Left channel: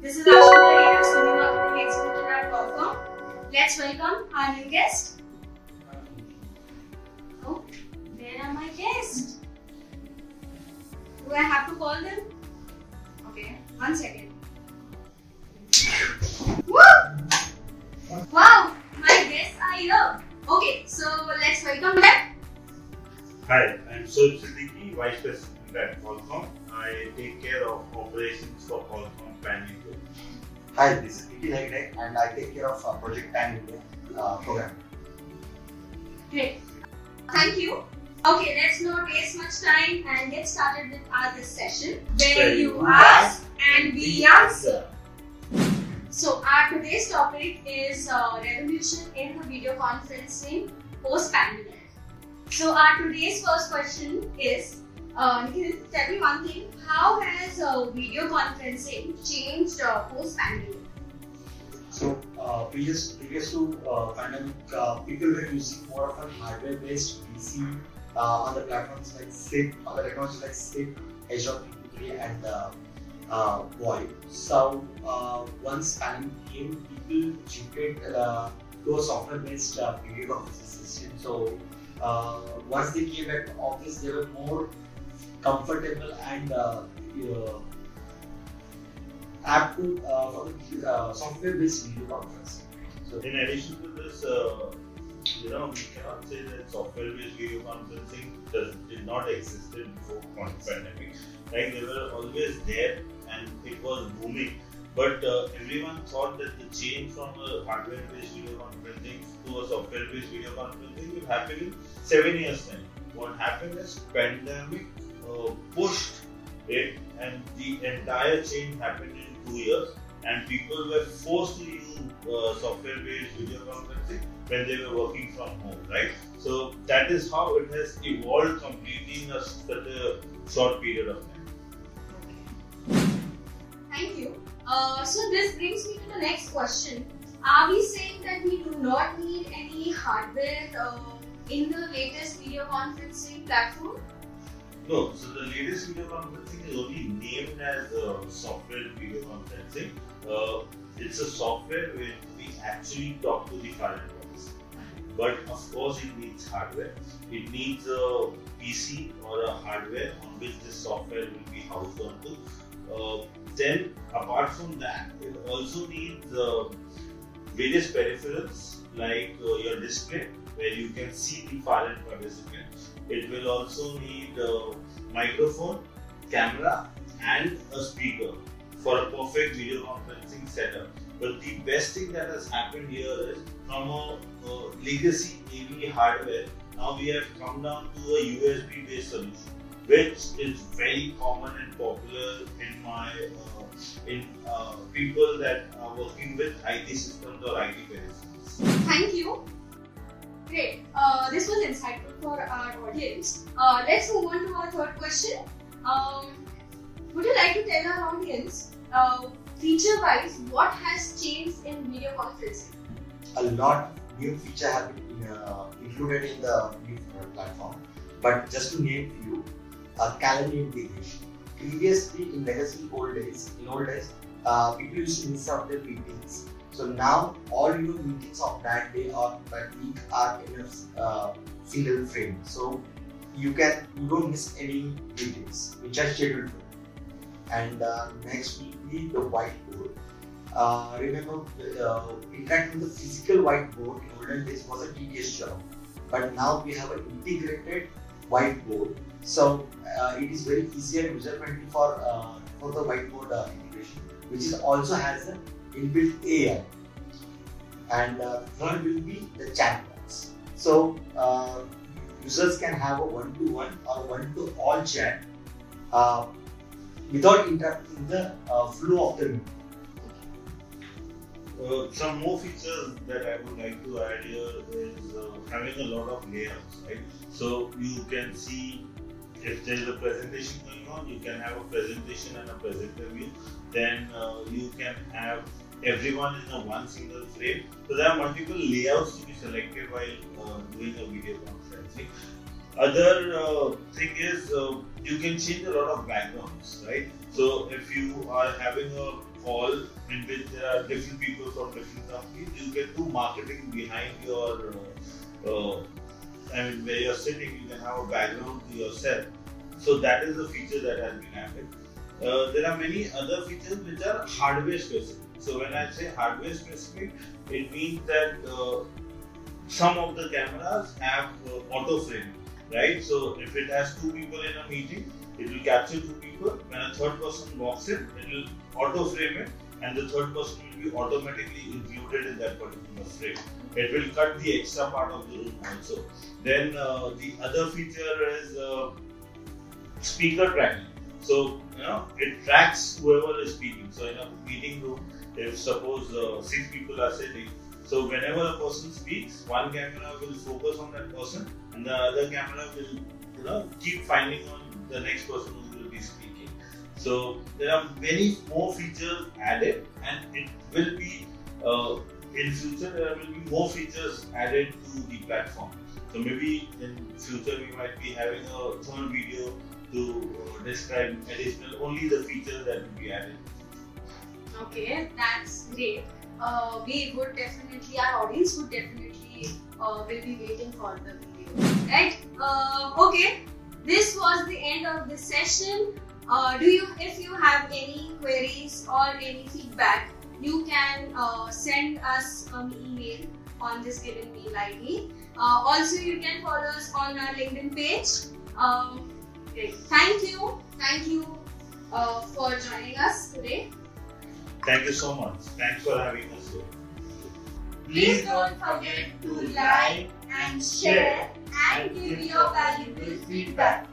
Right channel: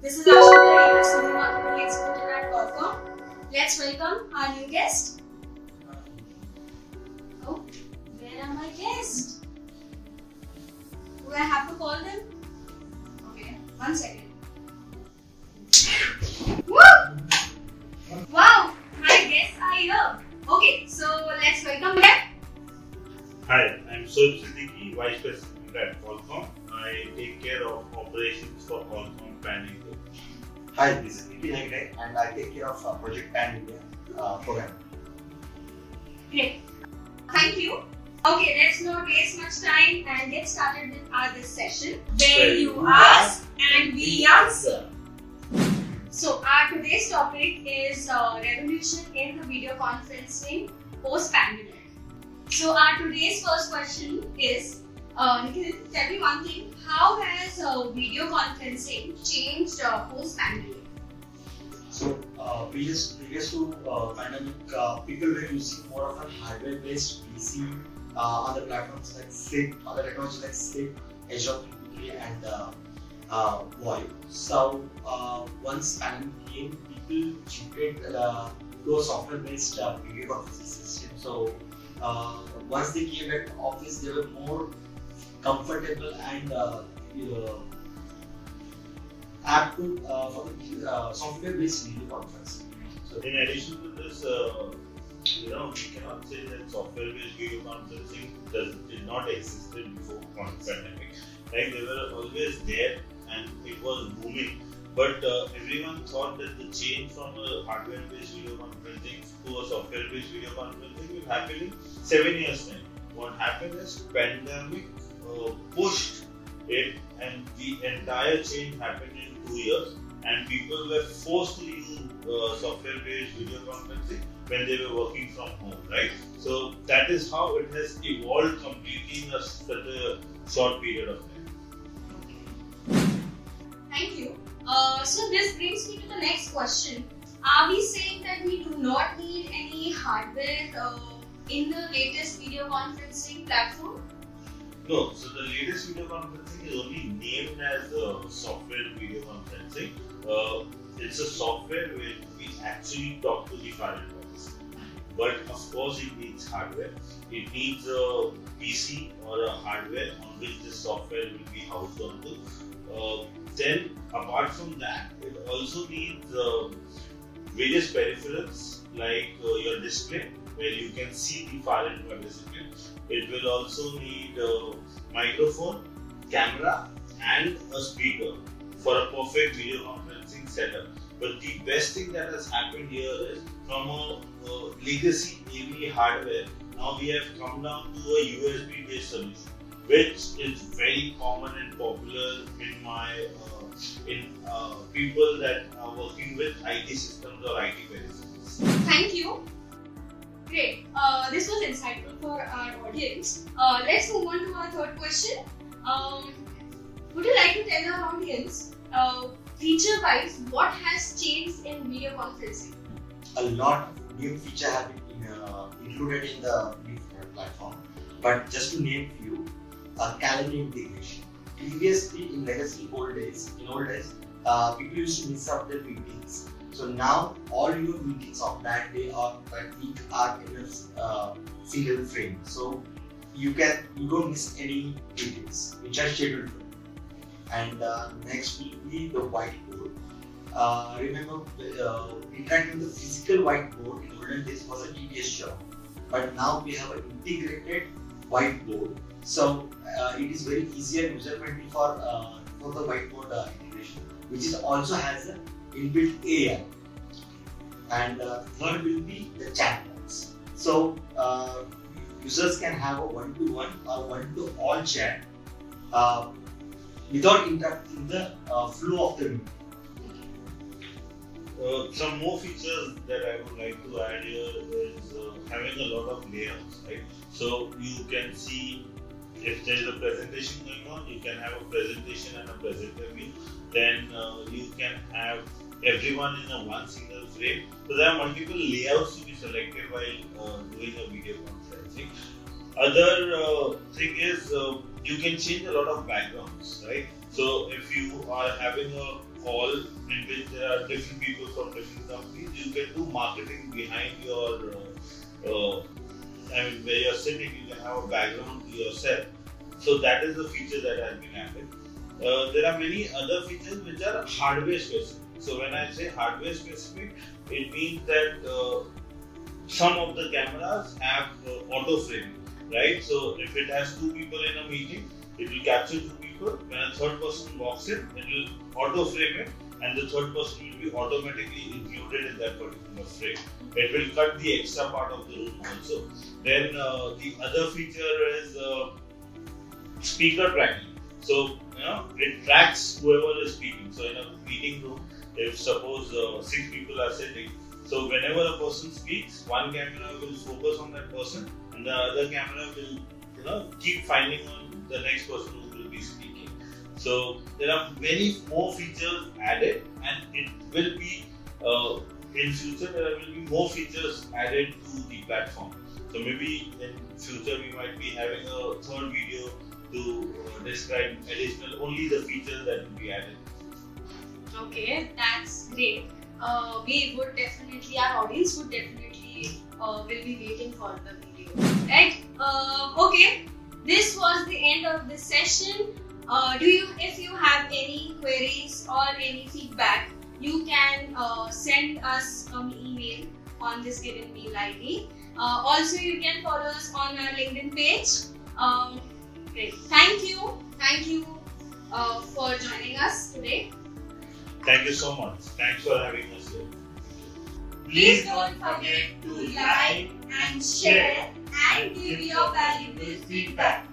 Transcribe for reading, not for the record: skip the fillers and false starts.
This is Aashmitha Hira, marketing expert at Qualcomm. Let's welcome our new guest. Oh, there are my guests. Do I have to call them? Okay, 1 second. Woo! Wow, my guests are here. Okay, so let's welcome them. Hi, I'm Soheb Siddiqui, Vice President at Qualcomm. I take care of operations for Qualcomm Pan India. Hi, this is Nikhil Hegde and I take care of Project Pan India program. Great. Thank you. Okay, let's not waste much time and get started with our this session where you ask and we answer. So our today's topic is revolution in the video conferencing post-pandemic. So our today's first question is, Nikhil, tell me one thing. How has video conferencing changed post-pandemic? So previous to pandemic, people were using more of a hardware-based PC on the platforms like SIP, other technologies like SIP, H.323 and VoIP. So once pandemic came, people shifted to software-based video conferencing system. So once they came back to office, they were more comfortable and apt to for the software-based video conferencing. So in addition to this, we cannot say that software-based video conferencing did not exist before pandemic. Like they were always there and it was booming. But everyone thought that the change from a hardware-based video conferencing to a software-based video conferencing will happen in 7 years' time. What happened is pandemic pushed it, and the entire change happened in 2 years. And people were forced to use software-based video conferencing when they were working from home, right? So that is how it has evolved completely in such a short period of time. Thank you. So this brings me to the next question. Are we saying that we do not need any hardware in the latest video conferencing platform? No, so the latest video conferencing is only named as software video conferencing. It's a software where we actually talk to the foreign bodies. But of course it needs hardware. It needs a PC or a hardware on which this software will be housed onto. Then apart from that, it also needs various peripherals like your display where you can see the foreign participant. It will also need a microphone, camera and a speaker for a perfect video conferencing setup. But the best thing that has happened here is from a legacy AV hardware, now we have come down to a USB based solution, which is very common and popular in people that are working with IT systems or IT peripherals. Thank you. Great. This was insightful for our audience. Let's move on to our third question. Would you like to tell our audience, feature-wise, what has changed in video conferencing? a lot of new features have been included in the new platform. But just to name few, calendar integration. Previously, in old days, people used to miss out their meetings. So now all your meetings of that day or that week are in a single frame. So you don't miss any meetings which are scheduled for. And next will be the whiteboard. Remember, interacting with the physical whiteboard in olden days was a tedious job, but now we have an integrated whiteboard. So it is very easy and user friendly for the whiteboard integration, which is also has an inbuilt AI. And third will be the chat box. So users can have a one-to-one or one-to-all chat without interrupting the flow of the meeting. Some more features that I would like to add here is having a lot of layouts, right? So you can see if there is a presentation going on, you can have a presentation and a presenter view. Then you can have everyone in a one single frame. So there are multiple layouts to be selected while doing a video conferencing. Other thing is you can change a lot of backgrounds, right? So if you are having a hall in which there are different people from different companies. You can do marketing behind your, where you're sitting, you can have a background to yourself. So that is a feature that has been added. There are many other features which are hardware specific. So when I say hardware specific, it means that some of the cameras have auto framing, right? So if it has 2 people in a meeting, it will capture 2 people. When a third person walks in, it will auto frame it, and the third person will be automatically included in that particular frame. It will cut the extra part of the room also. Then the other feature is speaker tracking. So it tracks whoever is speaking. So in a meeting room, if suppose 6 people are sitting, so whenever a person speaks, one camera will focus on that person, and the other camera will keep finding on the next person who will be speaking. So there are many more features added, and it will be in future there will be more features added to the platform. So maybe in future we might be having a third video to describe additional only the features that will be added. Okay, that's great. We would definitely, our audience would definitely will be waiting for the video, right? Okay, this was the end of this session. If you have any queries or any feedback, you can send us an email on this given mail ID. Also, you can follow us on our LinkedIn page. Great. Thank you for joining us today. Thank you so much. Thanks for having us here. Please don't forget to like and share and give your valuable feedback.